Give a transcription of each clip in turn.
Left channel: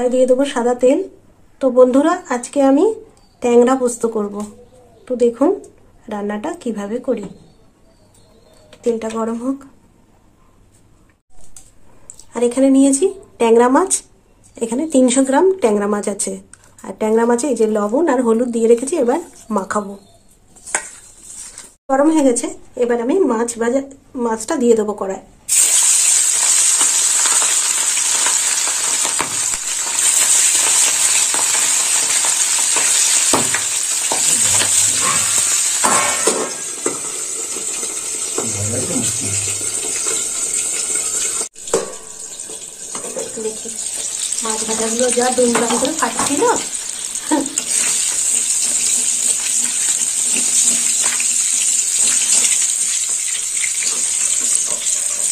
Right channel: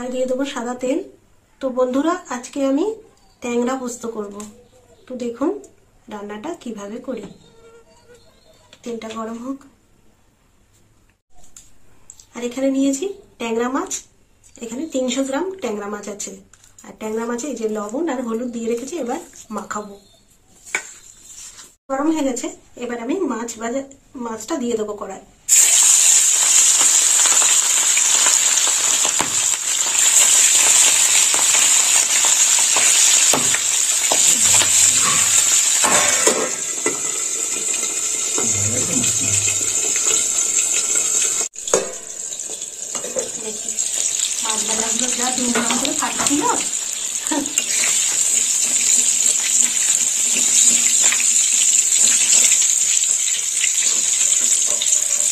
কড়াই দিয়ে দেবো সাদা তেল। তো বন্ধুরা, আজকে আমি ট্যাংরা পোস্ত করব। তো দেখুন রান্নাটা কিভাবে করি। তেলটা গরম হোক। আর এখানে নিয়েছি ট্যাংরা মাছ। এখানে 300 গ্রাম ট্যাংরা মাছ আছে। আর ট্যাংরা মাছে এই যে লবণ আর হলুদ দিয়ে রেখেছি, এবার মাখাবো। গরম হয়ে গেছে, এবার আমি মাছটা দিয়ে দেবো কড়াই। মাছ ভাজাগুলো যা দুমড়াম করে কাটছিল,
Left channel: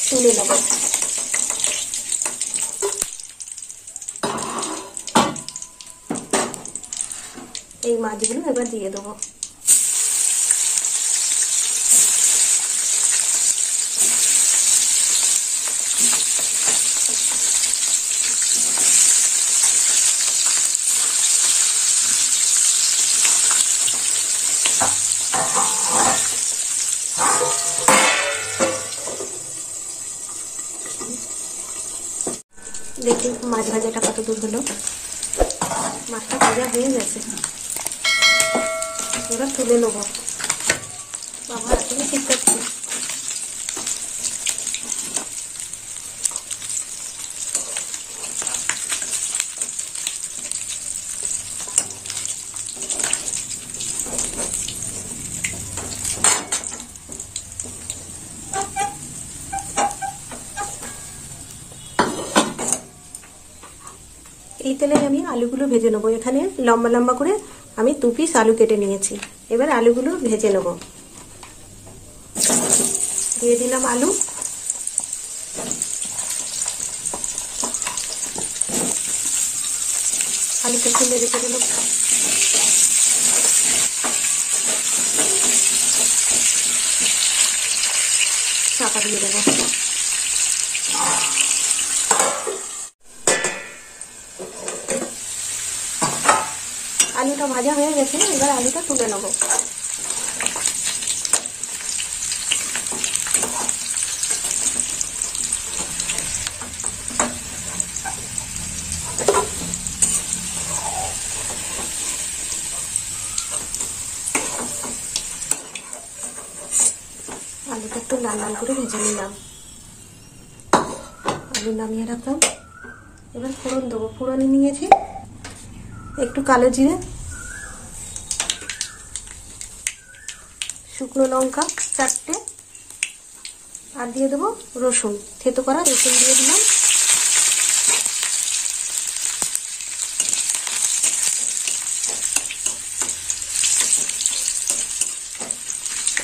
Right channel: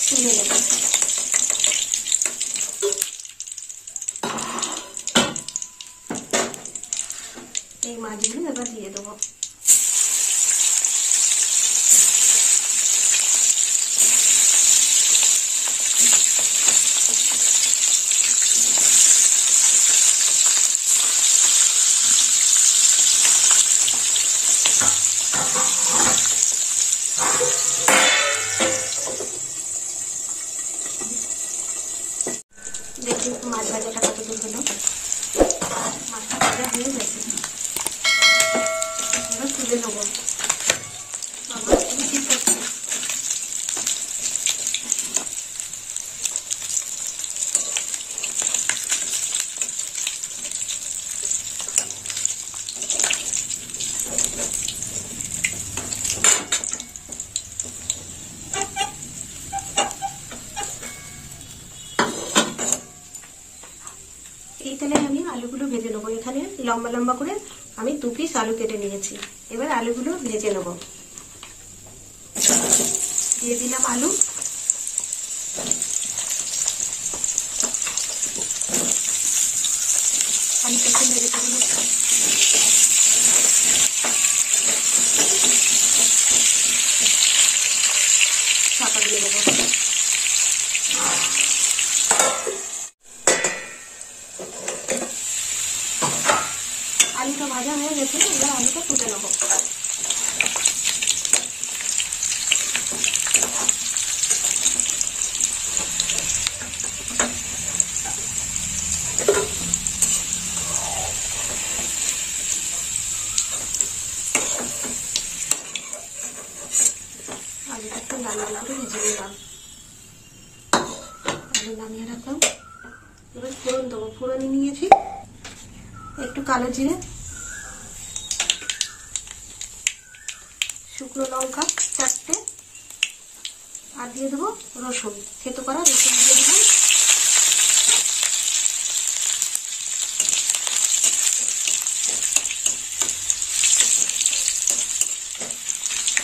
তুলে দেবো। এই মাছগুলো এবার দিয়ে দেবো। দেখুন মাছ ভাজাটা কত দূর হলো। মাছটা ভাজা হয়ে গেছে, ওরা তুলে নেবো। বাবা ঠিক আছে। এই তেলে আমি আলুগুলো ভেজে নেবো। এখানে লম্বা লম্বা করে আমি 2 পিস আলু কেটে নিয়েছি। এবার আলুগুলো ভেজে নেবো। দিয়ে দিলাম আলু। আলুটা খুলে রেখে দেবো। চাপা দিয়ে দেবো। আলুটা ভাজা হয়ে গেছে, এবার আলুটা তুলে নেবো। আলুটা একটু লাল লাল করে ভেজে নিলাম। আলু নামিয়ে রাখলাম। এবার ফোড়ন দেবো। ফোড়নে নিয়েছি একটু কালো জিরে, শুকনো লঙ্কা 4টে, আর দিয়ে দেবো রসুন, থেতো করা রসুন দিয়ে দিলাম।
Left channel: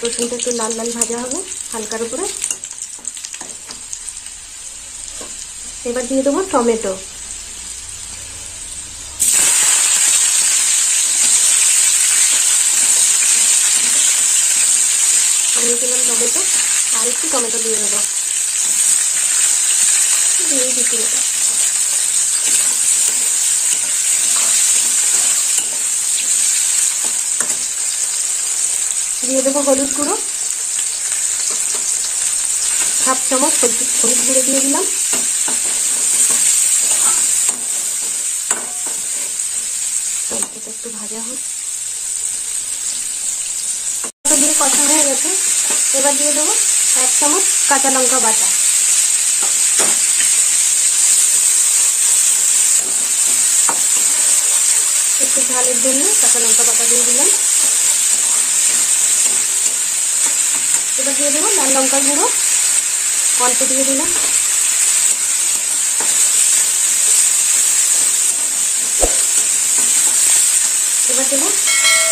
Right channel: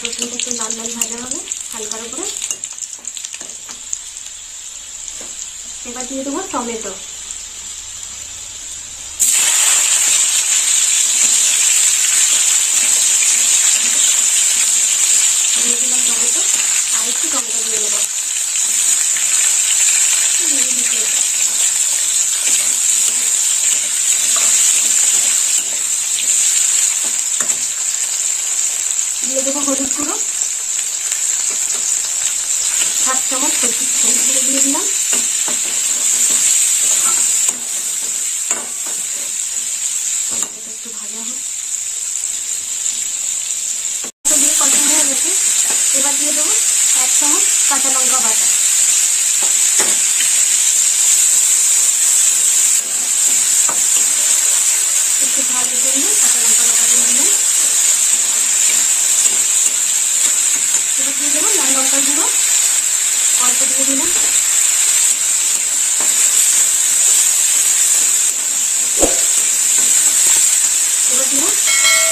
রসুনটা একটু লাল লাল ভাজা হবে হালকার উপরে। এবার দিয়ে দেবো টমেটো। টমেটো আর একটু টমেটো দিয়ে দেবো। দিয়ে দিতে হবে। দিয়ে দেবো হলুদ গুঁড়ো, 7 চামচ হলুদ গুঁড়ো দিয়ে দিলাম। একটু ভাজা হোক। দিয়ে কষা হয়ে গেছে, এবার দিয়ে দেবো 1 চামচ কাঁচা লঙ্কা বাটা। একটু ঝালের জন্য কাঁচা লঙ্কা বাটা দিয়ে দিলাম। এবার দিয়ে দেবো লাল লঙ্কার গুঁড়ো, অল্প দিয়ে দিলাম। এবার দিলাম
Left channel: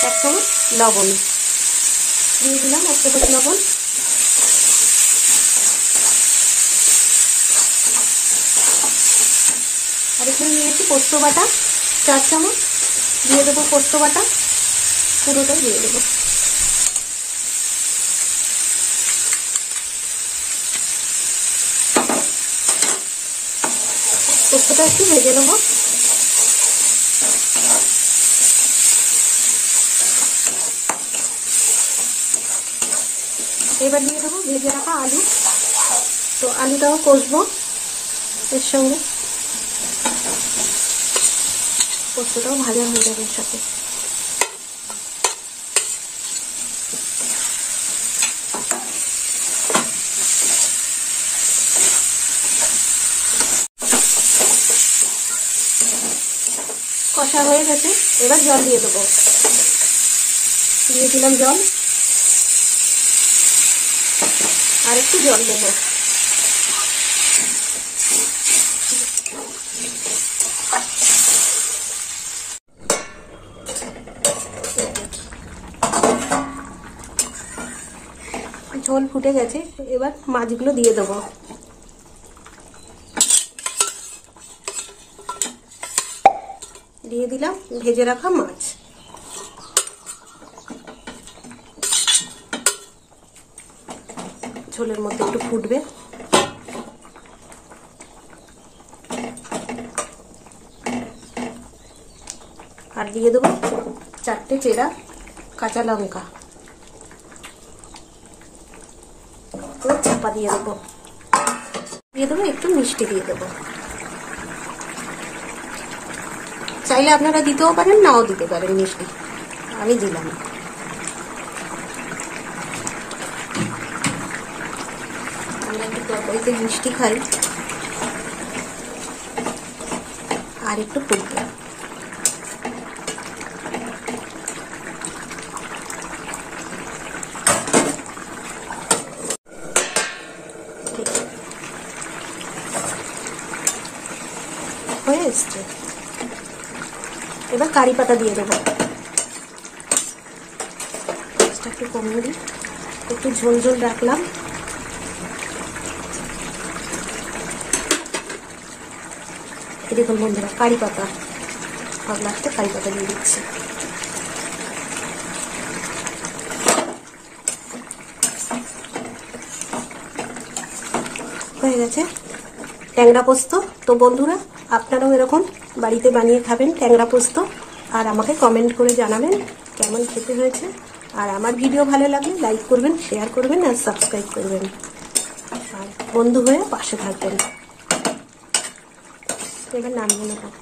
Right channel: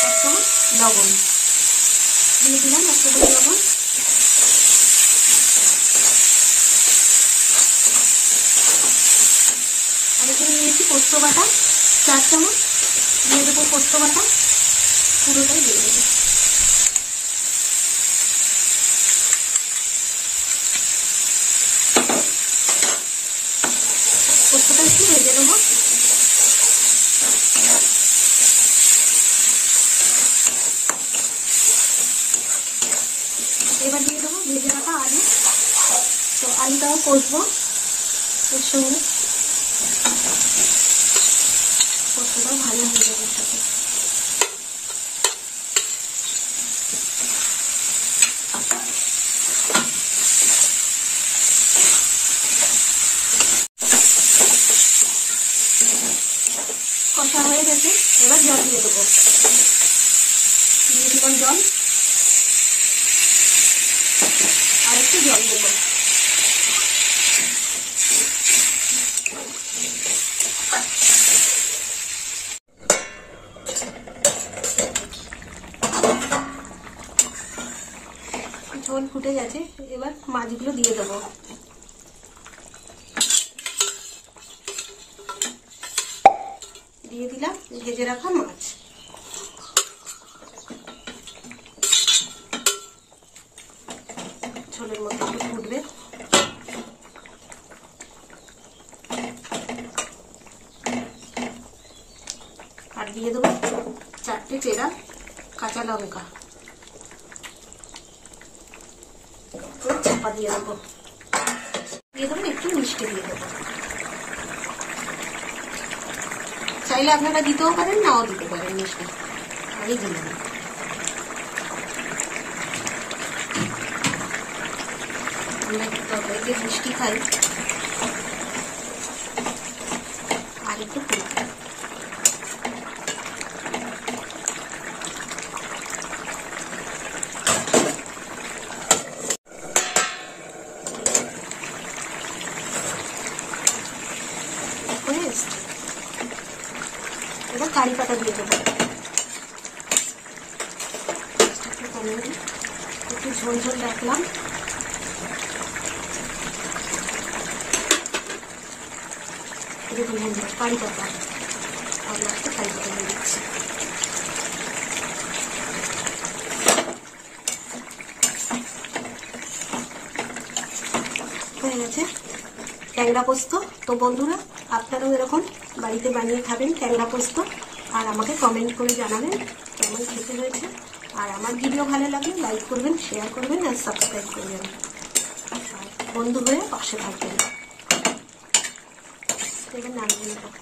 1 চামচ লবণ, দিয়ে দিলাম 1 চামচ লবণ। আর এখানে নিয়েছি পোস্ত বাটা 4 চামচ, দিয়ে দেবো পোস্ত বাটা, পুরোটাই দিয়ে দেবো। পোস্তটা একটু ভেজে নেবো। এবার দিয়ে দেবো ভেজে রাখা আলু। তো আলুটাও কষবো এর সঙ্গে, পোস্তটাও ভাজা হয়ে যাবে এর সাথে। কষা হয়ে গেছে, এবার জল দিয়ে দেবো। দিয়ে দিলাম জল, আর একটু জল দেবো। ঝোল ফুটে গেছে, এবার মাছগুলো দিয়ে দেবো। দিয়ে দিলাম ভেজে রাখা মাছ। ঝোলের মধ্যে একটু ফুটবে। আর দিয়ে দেবো 4টে চেরা কাঁচা লঙ্কা। চাপা দিয়ে দেবো। দিয়ে দেবো একটু মিষ্টি দিয়ে দেবো। চাইলে আপনারা দিতেও পারেন, নাও দিতে পারেন মিষ্টি, আমি দিলাম। আমরা একটু তরকারিতে মিষ্টি খাই। আর একটু ফুটবে। হয়ে এসছে, এবার কারি পাতা দিয়ে দেবো। একটু কমিয়ে দিই, একটু ঝোল ঝোল রাখলাম। দেখুন বন্ধুরা, কারি পাতা, আর লাস্টে কারি পাতা দিয়ে দিচ্ছি। হয়ে গেছে ট্যাংরা পোস্ত। তো বন্ধুরা, আপনারাও এরকম বাড়িতে বানিয়ে খাবেন ট্যাংরা পোস্ত, আর আমাকে কমেন্ট করে জানাবেন কেমন খেতে হয়েছে। আর আমার ভিডিও ভালো লাগলে লাইক করবেন, শেয়ার করবেন, আর সাবস্ক্রাইব করবেন, আর বন্ধু হয়ে পাশে থাকবেন। এবার নামিয়ে নেব।